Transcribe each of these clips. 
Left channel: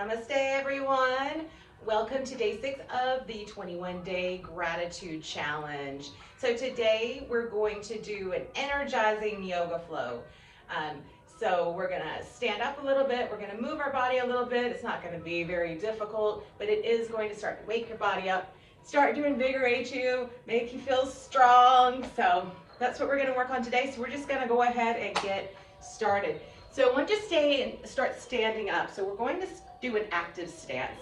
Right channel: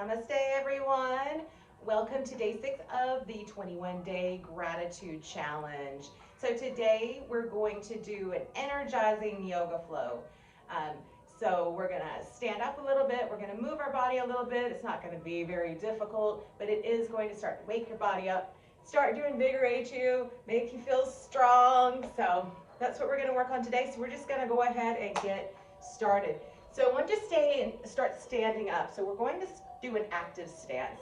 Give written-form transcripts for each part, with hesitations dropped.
Namaste, everyone. Welcome to day 6 of the 21-day gratitude challenge. So today we're going to do an energizing yoga flow. So we're going to stand up a little bit. We're going to move our body a little bit. It's not going to be very difficult, but it is going to start to wake your body up, start to invigorate you, make you feel strong. So that's what we're going to work on today. So we're just going to go ahead and get started. So I want you to start standing up. So we're going to do an active stance.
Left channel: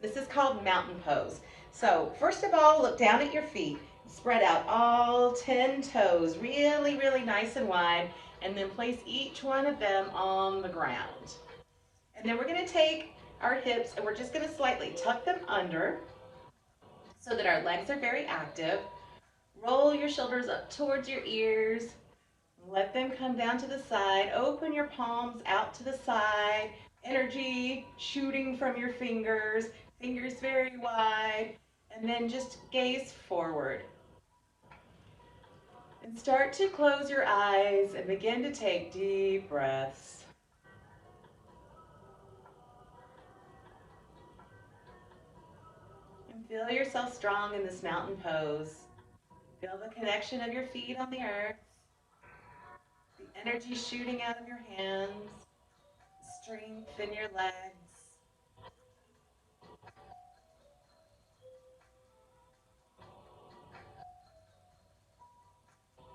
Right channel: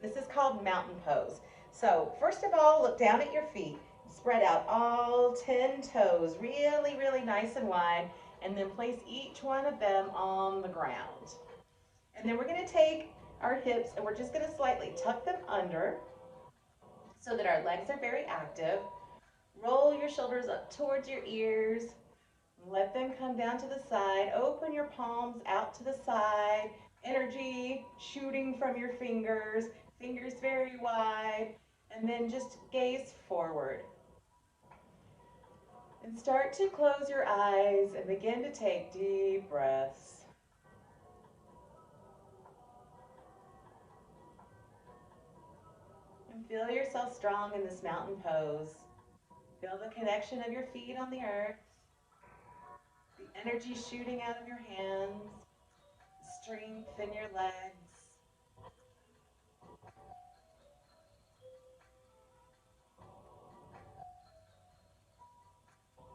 This is called mountain pose. So first of all, look down at your feet. Spread out all 10 toes, really, really nice and wide, and then place each one of them on the ground. And then we're going to take our hips and we're just going to slightly tuck them under so that our legs are very active. Roll your shoulders up towards your ears. Let them come down to the side. Open your palms out to the side. Energy shooting from your fingers. Fingers very wide. And then just gaze forward. And start to close your eyes and begin to take deep breaths. And feel yourself strong in this mountain pose. Feel the connection of your feet on the earth. The energy shooting out of your hands. Strength in your legs.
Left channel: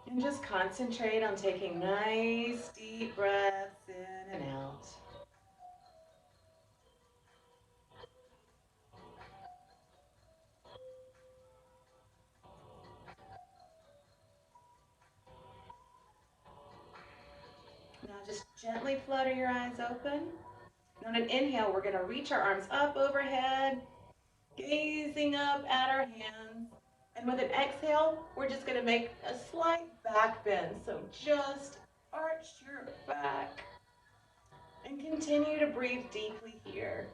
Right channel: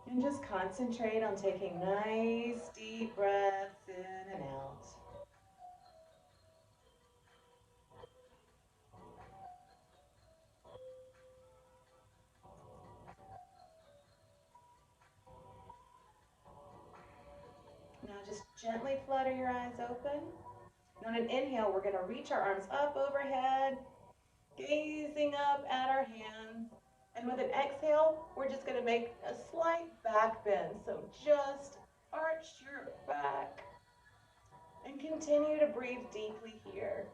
And just concentrate on taking nice deep breaths in and out. Now just gently flutter your eyes open. On an inhale, we're going to reach our arms up overhead, gazing up at our hands. And with an exhale, we're just going to make a slight back bend. So just arch your back and continue to breathe deeply here.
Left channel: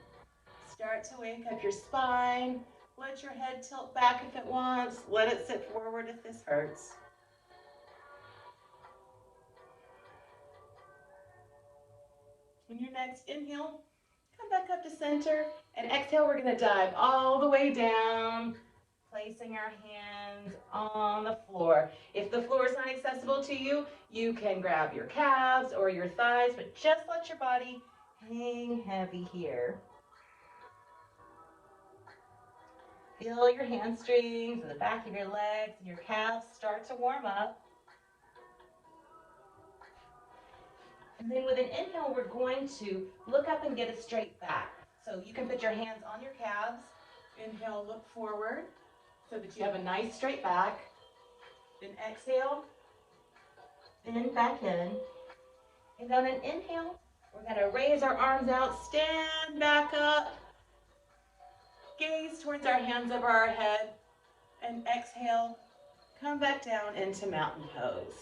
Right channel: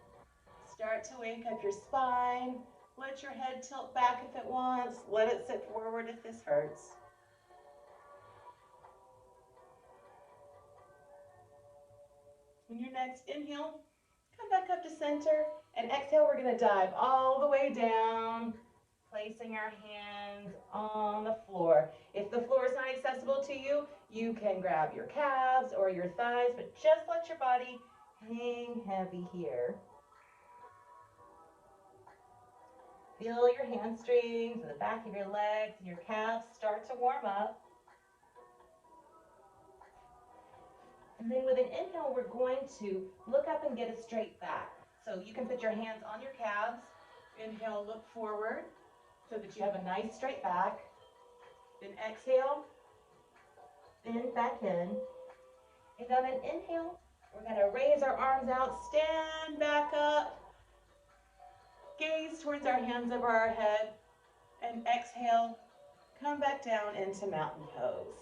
Start to wake up your spine. Let your head tilt back if it wants. Let it sit forward if this hurts. On your next inhale, come back up to center. And exhale, we're going to dive all the way down, placing our hands on the floor. If the floor is not accessible to you, you can grab your calves or your thighs, but just let your body hang heavy here. Feel your hamstrings and the back of your legs and your calves start to warm up. And then with an inhale, we're going to look up and get a straight back. So you can put your hands on your calves. Inhale, look forward so that you have a nice straight back. Then exhale, bend back in. And on an inhale, we're going to raise our arms out, stand back up, gaze towards our hands over our head, and exhale, come back down into mountain pose.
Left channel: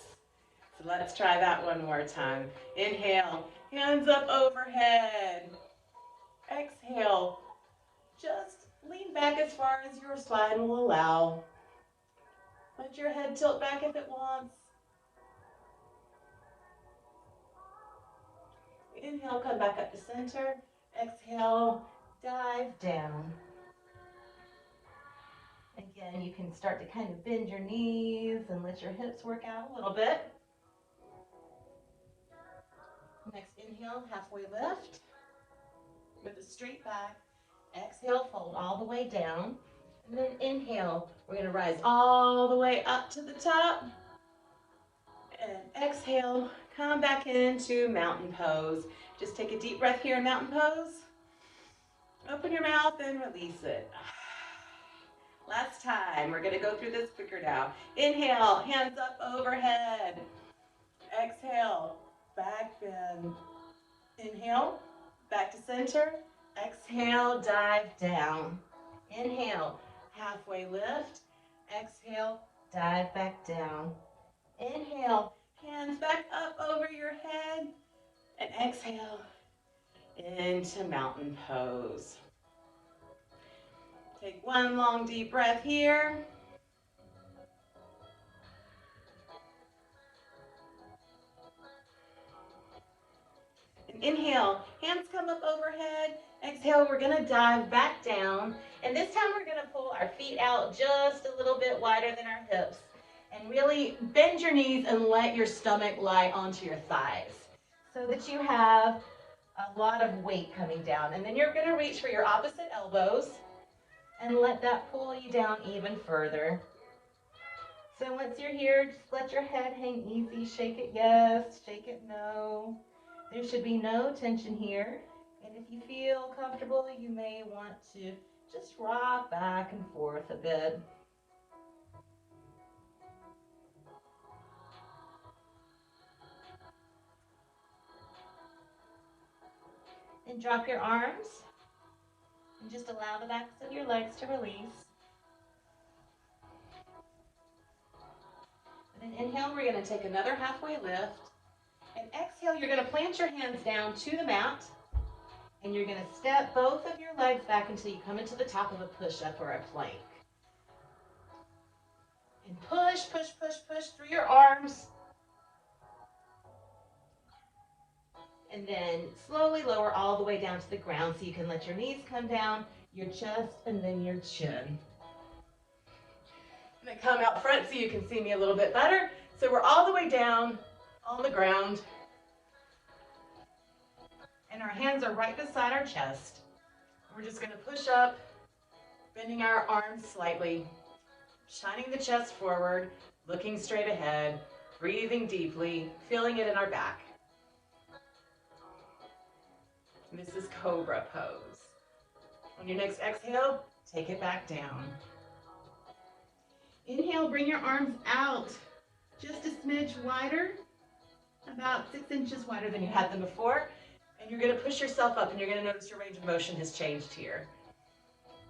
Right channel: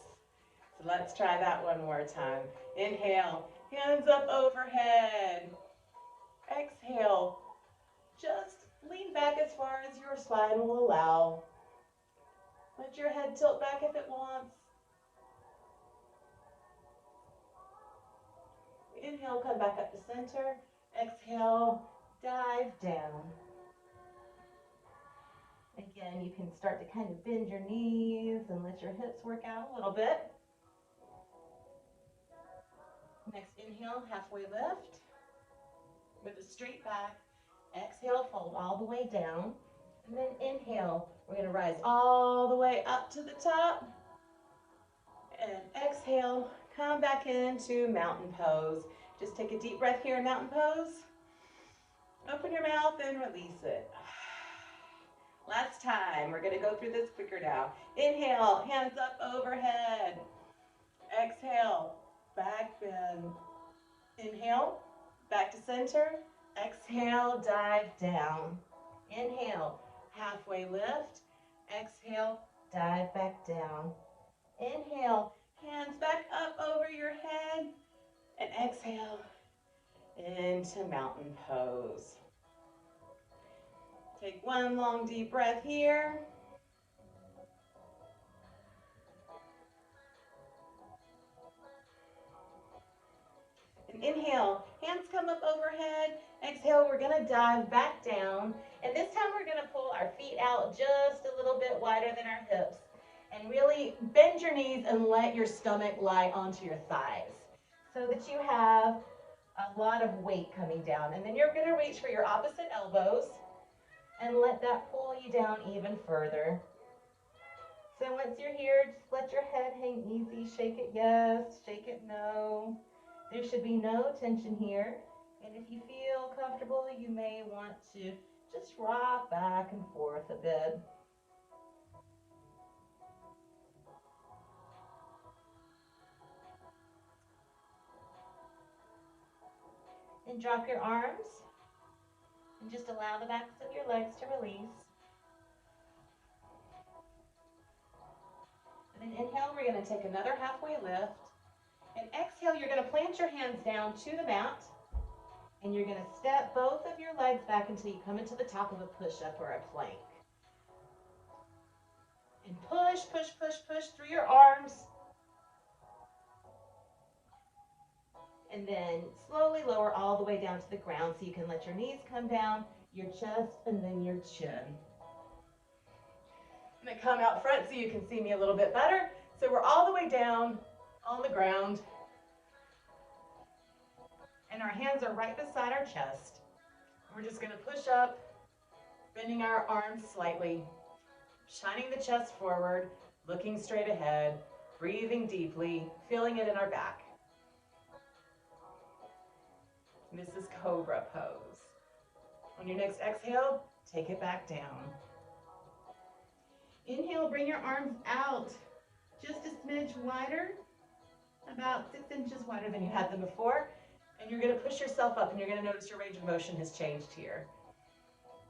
So let's try that one more time. Inhale, hands up overhead. Exhale, just lean back as far as your spine will allow. Let your head tilt back if it wants. Inhale, come back up to center. Exhale, dive down. Again, you can start to kind of bend your knees and let your hips work out a little bit. Next inhale, halfway lift with a straight back. Exhale, fold all the way down. And then inhale, we're going to rise all the way up to the top. And exhale, come back into mountain pose. Just take a deep breath here in mountain pose. Open your mouth and release it. Last time, we're going to go through this quicker now. Inhale, hands up overhead. Exhale, back bend. Inhale, back to center. Exhale, dive down. Inhale, halfway lift. Exhale, dive back down. Inhale, hands back up over your head. And exhale into mountain pose. Take one long deep breath here. And Inhale, hands come up overhead. Exhale, we're gonna dive back down. And this time we're gonna pull our feet out just a little bit wider than our hips. And really bend your knees and let your stomach lie onto your thighs so that you have a lot of weight coming down. And then you're gonna reach for your opposite elbows and let that pull you down even further. So once you're here, just let your head hang easy. Shake it yes, shake it no. There should be no tension here. And if you feel comfortable, you may want to just rock back and forth a bit. And drop your arms and just allow the backs of your legs to release. And then inhale, we're gonna take another halfway lift. And exhale, you're gonna plant your hands down to the mat. And you're gonna step both of your legs back until you come into the top of a push-up or a plank. And push, push, push, push through your arms. And then slowly lower all the way down to the ground so you can let your knees come down, your chest, and then your chin. I'm gonna come out front so you can see me a little bit better. So we're all the way down on the ground. And our hands are right beside our chest. We're just gonna push up, bending our arms slightly, shining the chest forward, looking straight ahead, breathing deeply, feeling it in our back. This is Cobra pose. On your next exhale, take it back down. Inhale, bring your arms out just a smidge wider, about 6 inches wider than you had them before. And you're gonna push yourself up and you're gonna notice your range of motion has changed here.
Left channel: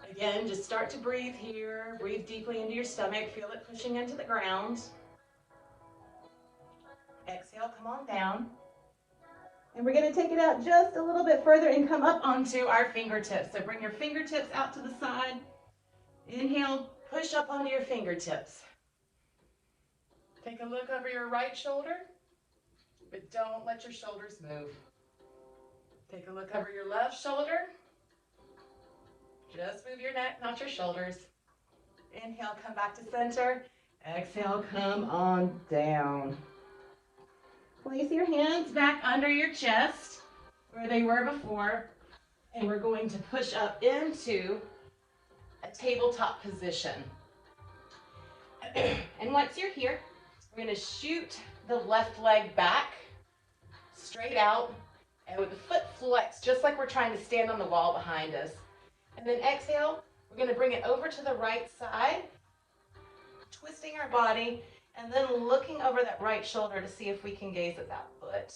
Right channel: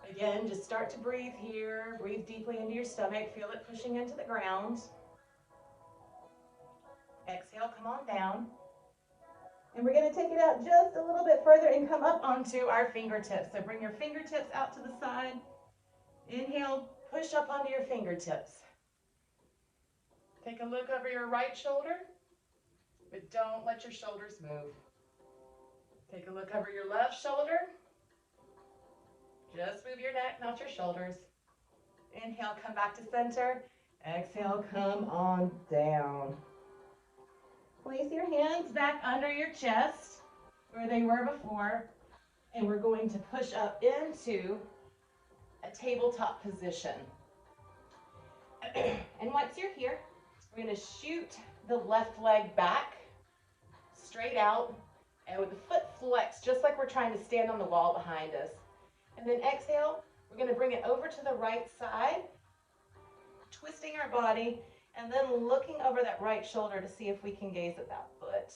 Again, just start to breathe here. Breathe deeply into your stomach. Feel it pushing into the ground. Exhale, come on down. And we're gonna take it out just a little bit further and come up onto our fingertips. So bring your fingertips out to the side. Inhale, push up onto your fingertips. Take a look over your right shoulder, but don't let your shoulders move. Take a look over your left shoulder. Just move your neck, not your shoulders. Inhale, come back to center. Exhale, come on down. Place your hands back under your chest where they were before, and we're going to push up into a tabletop position. And once you're here, we're going to shoot the left leg back, straight out, and with the foot flexed, just like we're trying to stand on the wall behind us. And then exhale, we're going to bring it over to the right side, twisting our body, and then looking over that right shoulder to see if we can gaze at that foot.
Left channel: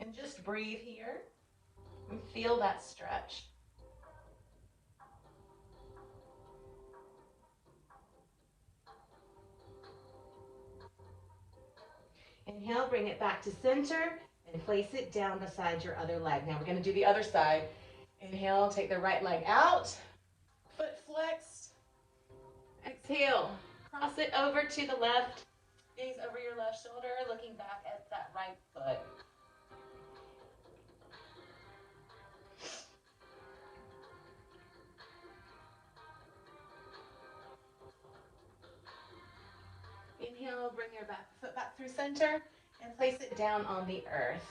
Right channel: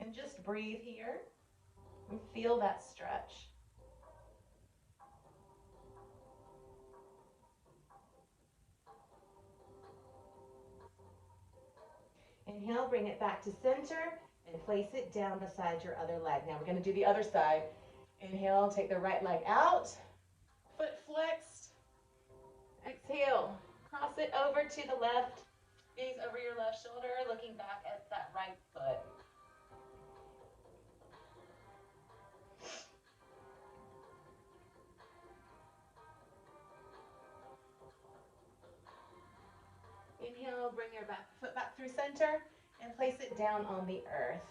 And just breathe here and feel that stretch. Inhale, bring it back to center and place it down beside your other leg. Now we're going to do the other side. Inhale, take the right leg out, foot flexed. Exhale, cross it over to the left, gaze over your left shoulder, looking back at that right foot. Inhale, bring your foot back through center and place it down on the earth.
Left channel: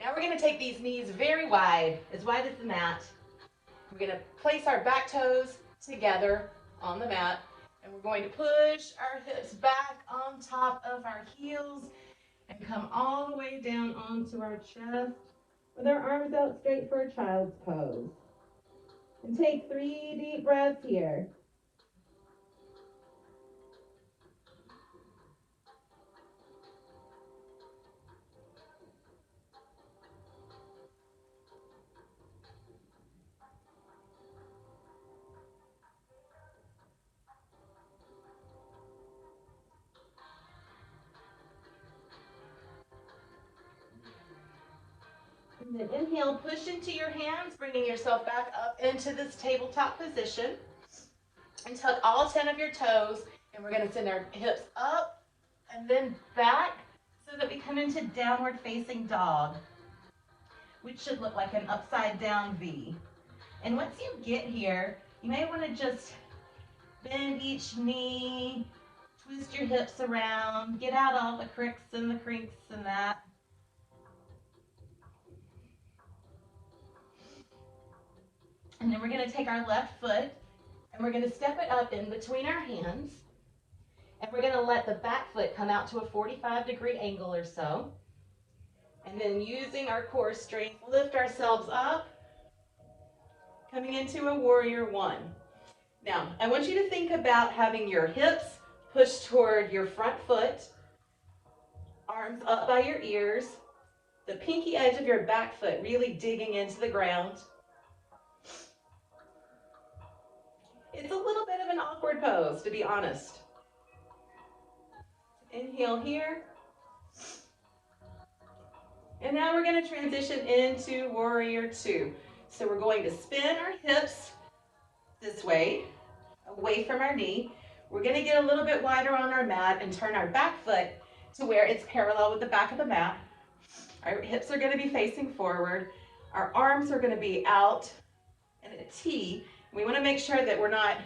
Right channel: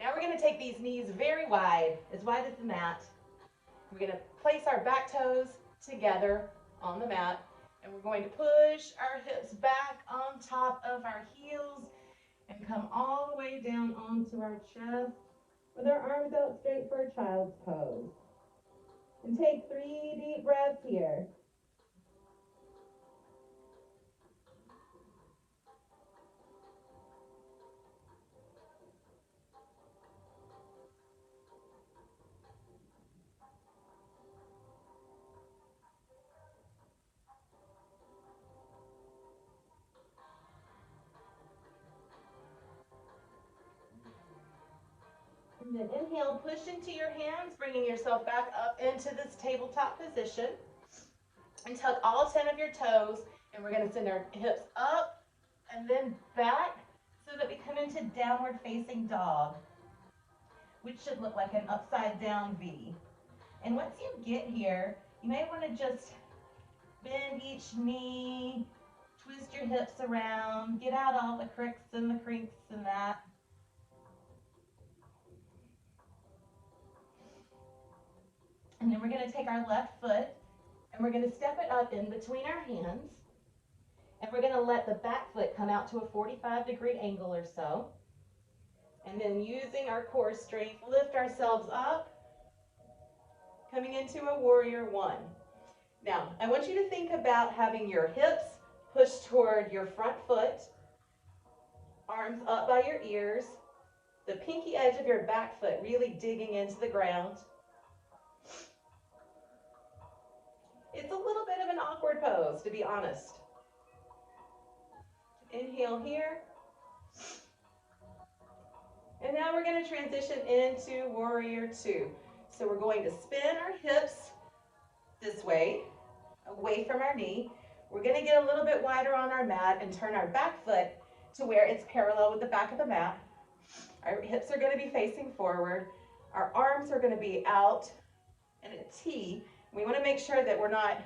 Now we're going to take these knees very wide as the mat. We're going to place our back toes together on the mat, and we're going to push our hips back on top of our heels and come all the way down onto our chest with our arms out straight for a child's pose. And take 3 deep breaths here. And then inhale, push into your hands, bringing yourself back up into this tabletop position. And tuck all 10 of your toes, and we're going to send our hips up and then back so foot, we come into downward facing dog, which should look like an upside down V. And once you get here, you may want to just bend each knee, twist your hips around, get out all the cricks and the crinks and that. And then we're going to take our left foot and we're going to step it up in between our hands. And we're going to let the back foot come out to a 45-degree angle or so. And then using our core strength, lift ourselves up, coming into a warrior one. Now, I want you to think about having your hips pushed toward your front foot, arms up by your ears, the pinky edge of your back foot really digging into the ground. It's a little bit of an awkward pose, to be honest. Inhale here. And now we're going to transition into warrior two. So we're going to spin our hips this way, away from our knee. We're going to get a little bit wider on our mat and turn our back foot to where it's parallel with the back of the mat. Our hips are going to be facing forward. Our arms are going to be out in a T. We want to make sure that we're not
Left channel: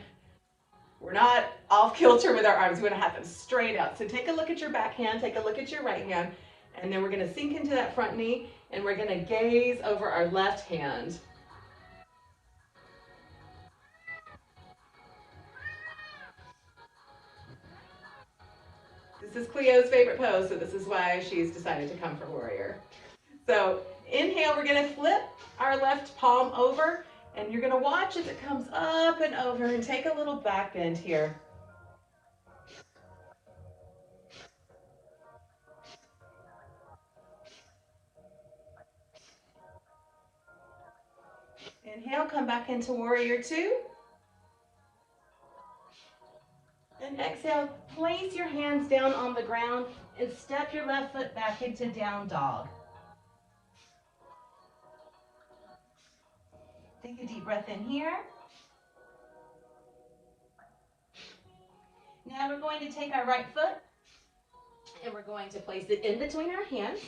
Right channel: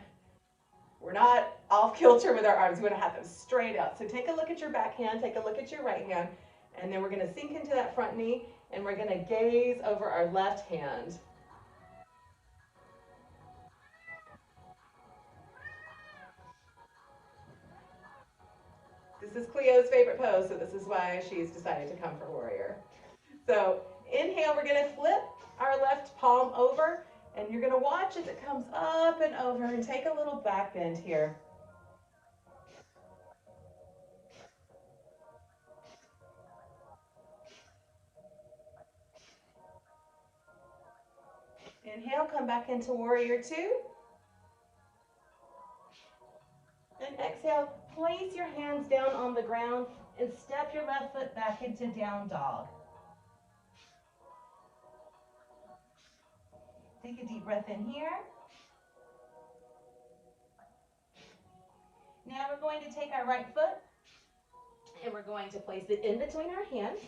off kilter with our arms. We want to have them straight out. So take a look at your back hand, take a look at your right hand, and then we're going to sink into that front knee and we're going to gaze over our left hand. This is Cleo's favorite pose, so this is why she's decided to come for warrior. So inhale, we're going to flip our left palm over, and you're going to watch as it comes up and over, and take a little back bend here. Inhale, come back into warrior two. And exhale, place your hands down on the ground and step your left foot back into down dog. Take a deep breath in here. Now we're going to take our right foot and we're going to place it in between our hands.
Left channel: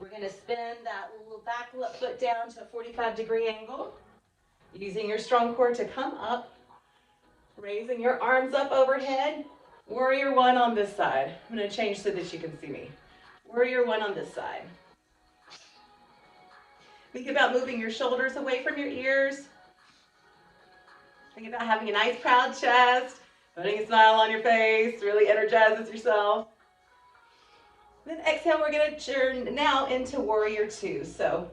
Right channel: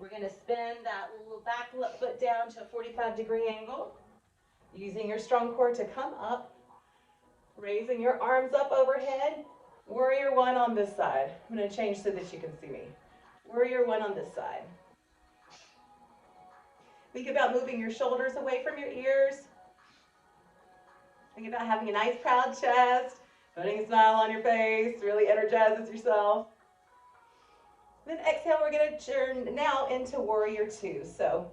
We're going to spin that little back foot down to a 45-degree angle, using your strong core to come up, raising your arms up overhead. Warrior one on this side. I'm going to change so that you can see me. Warrior one on this side. Think about moving your shoulders away from your ears. Think about having a nice proud chest, putting a smile on your face, really energizes yourself. Then exhale, we're going to turn now into warrior two. So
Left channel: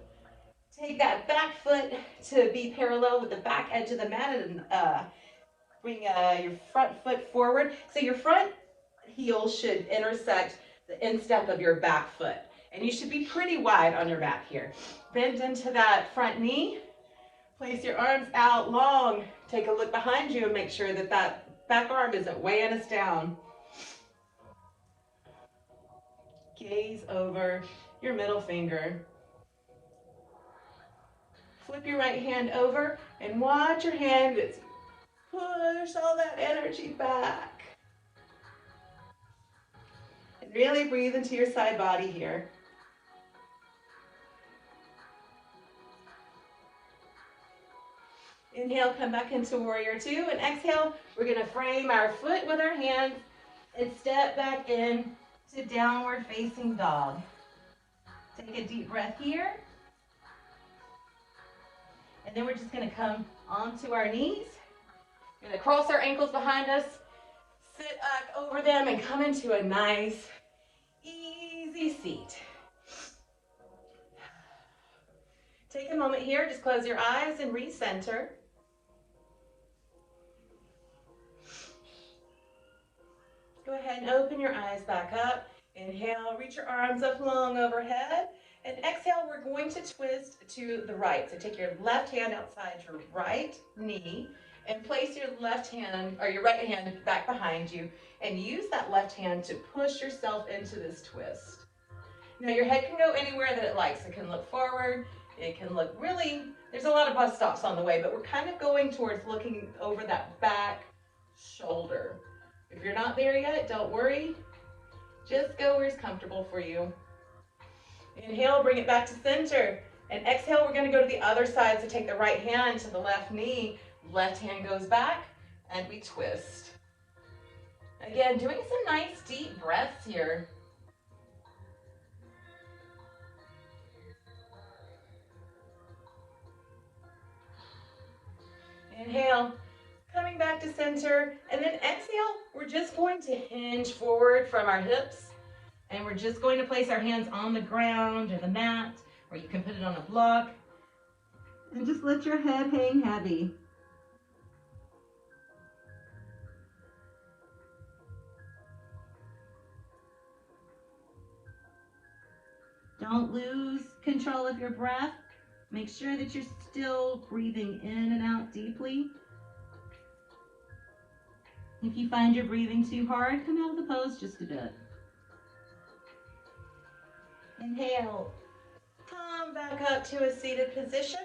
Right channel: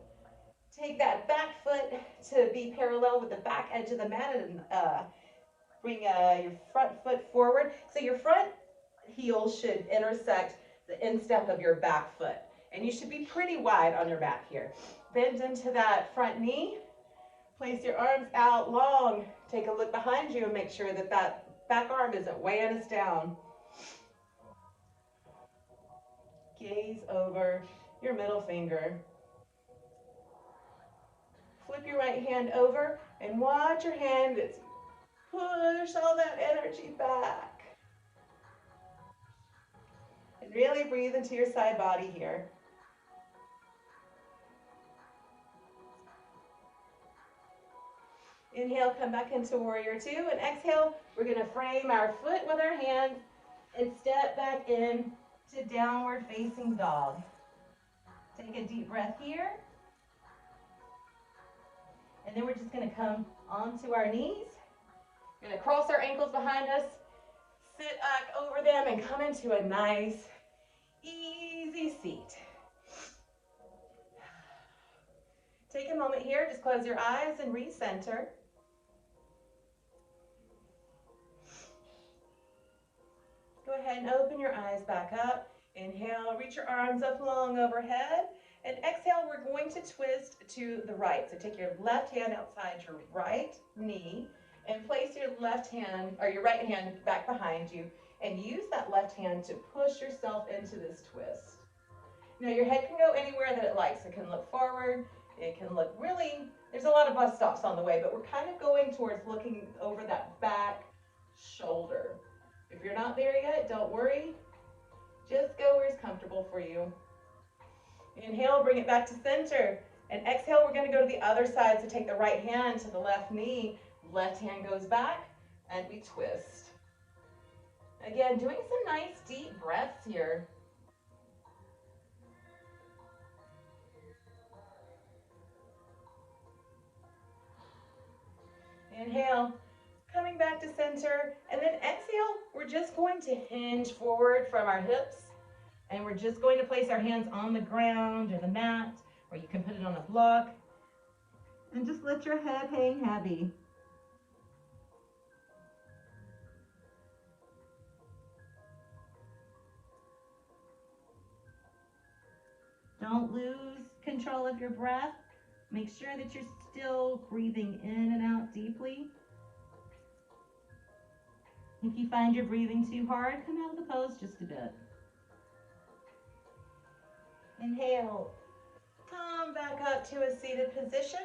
take that back foot to be parallel with the back edge of the mat and bring your front foot forward. So your front heel should intersect the instep of your back foot. And you should be pretty wide on your mat here. Bend into that front knee. Place your arms out long. Take a look behind you and make sure that that back arm isn't weighing us down. Gaze over your middle finger. Flip your right hand over and watch your hand push all that energy back. And really breathe into your side body here. Inhale, come back into warrior two, and exhale, we're going to frame our foot with our hands and step back in to downward facing dog. Take a deep breath here. And then we're just going to come onto our knees. We're going to cross our ankles behind us, sit back over them, and come into a nice, easy seat. Take a moment here, just close your eyes and recenter. Go ahead and open your eyes back up. Inhale, reach your arms up long overhead. And exhale, we're going to twist to the right. So take your left hand outside your right knee and place your left hand, or your right hand back behind you, and use that left hand to push yourself into this twist. Now your head can go anywhere that it likes. It can look forward, it can look really, there's a lot of bus stops on the way, but we're kind of going towards looking over that back shoulder. If you're not there yet, don't worry. Just go where it's comfortable for you. Inhale, bring it back to center. And exhale, we're going to go to the other side. So take the right hand to the left knee. Left hand goes back, and we twist. Again, doing some nice deep breaths here. Inhale, coming back to center, and then exhale, we're just going to hinge forward from our hips, and we're just going to place our hands on the ground or the mat, or you can put it on a block, and just let your head hang heavy. Don't lose control of your breath. Make sure that you're still breathing in and out deeply. If you find you're breathing too hard, come out of the pose just a bit. Inhale, come back up to a seated position.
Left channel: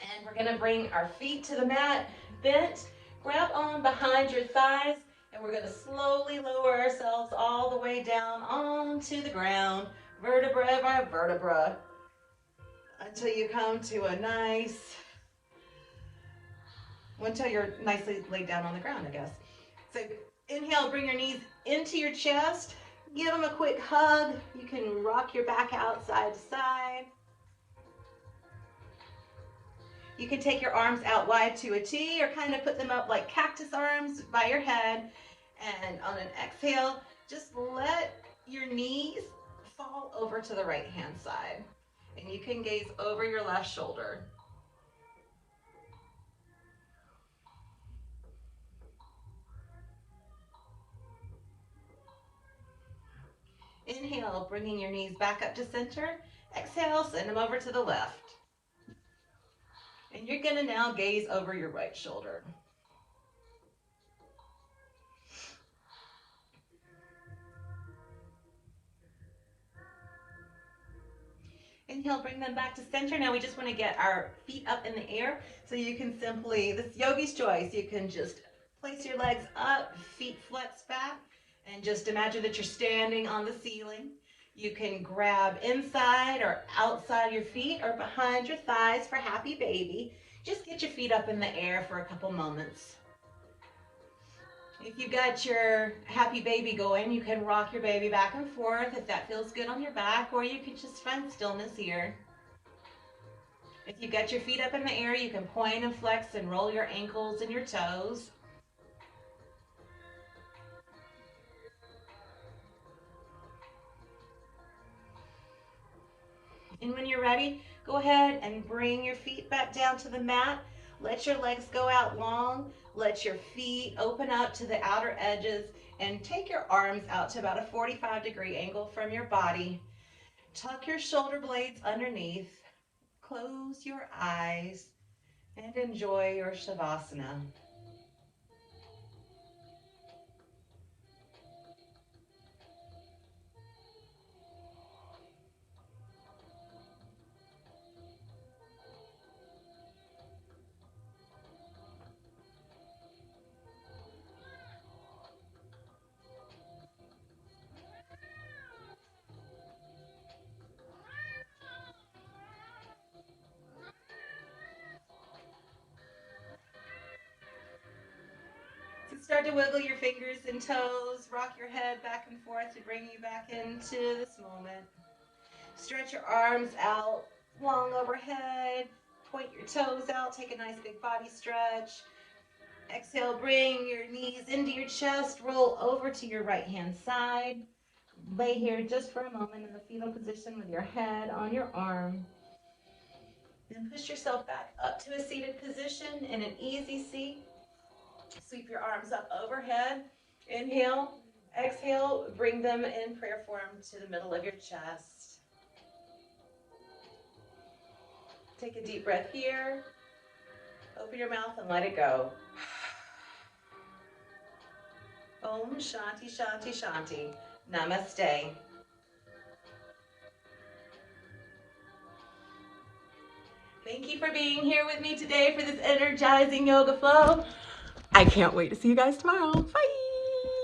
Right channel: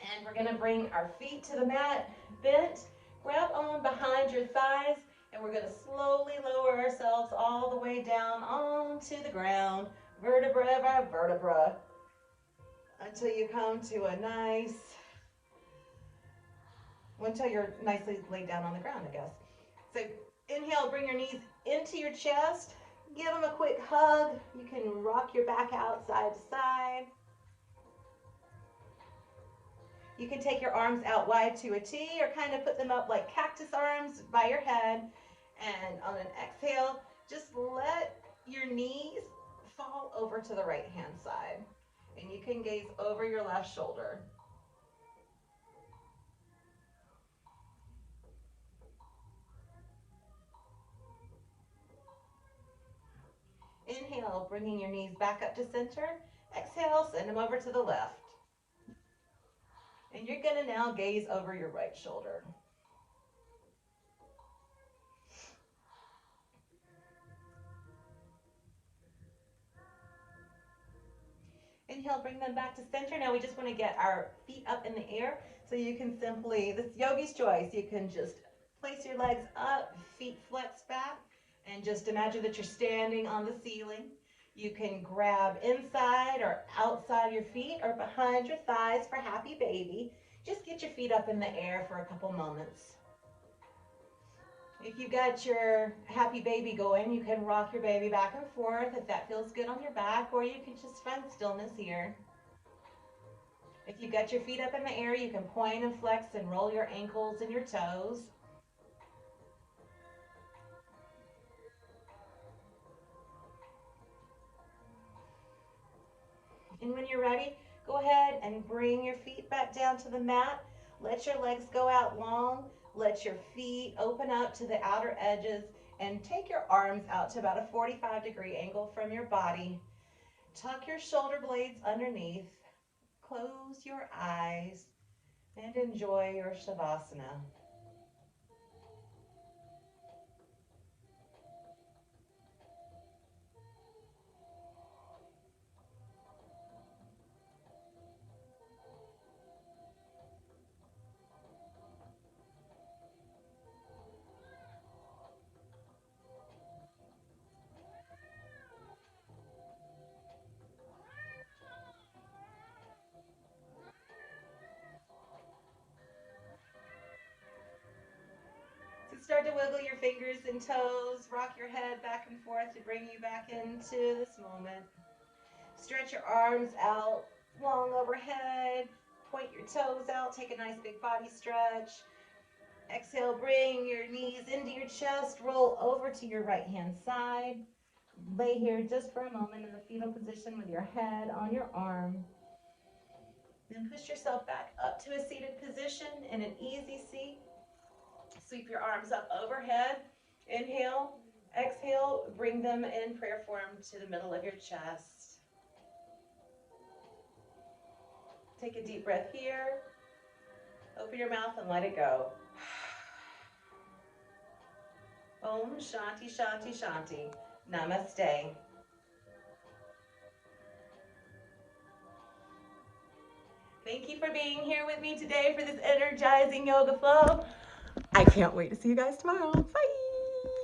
And we're gonna bring our feet to the mat, bent, grab on behind your thighs, and we're gonna slowly lower ourselves all the way down onto the ground, vertebra by vertebra, until you come to a until you're nicely laid down on the ground, I guess. So inhale, bring your knees into your chest, give them a quick hug. You can rock your back out side to side. You can take your arms out wide to a T or kind of put them up like cactus arms by your head. And on an exhale, just let your knees fall over to the right hand side. And you can gaze over your left shoulder. Inhale, bringing your knees back up to center. Exhale, send them over to the left. And you're gonna now gaze over your right shoulder. Inhale, bring them back to center. Now we just want to get our feet up in the air. So you can simply, this yogi's choice, you can just place your legs up, feet flex back, and just imagine that you're standing on the ceiling. You can grab inside or outside your feet or behind your thighs for happy baby. Just get your feet up in the air for a couple moments. If you've got your happy baby going, you can rock your baby back and forth if that feels good on your back, or you can just find stillness here. If you've got your feet up in the air, you can point and flex and roll your ankles and your toes. And when you're ready, go ahead and bring your feet back down to the mat. Let your legs go out long. Let your feet open up to the outer edges and take your arms out to about a 45-degree angle from your body. Tuck your shoulder blades underneath. Close your eyes and enjoy your Shavasana. Start to wiggle your fingers and toes, rock your head back and forth to bring you back into this moment. Stretch your arms out long overhead, point your toes out, take a nice big body stretch. Exhale, bring your knees into your chest, roll over to your right hand side. Lay here just for a moment in the fetal position with your head on your arm. Then push yourself back up to a seated position in an easy seat. Sweep your arms up overhead. Inhale, exhale, bring them in prayer form to the middle of your chest. Take a deep breath here. Open your mouth and let it go. Om Shanti Shanti Shanti. Namaste. Thank you for being here with me today for this energizing yoga flow. I can't wait to see you guys tomorrow. Bye.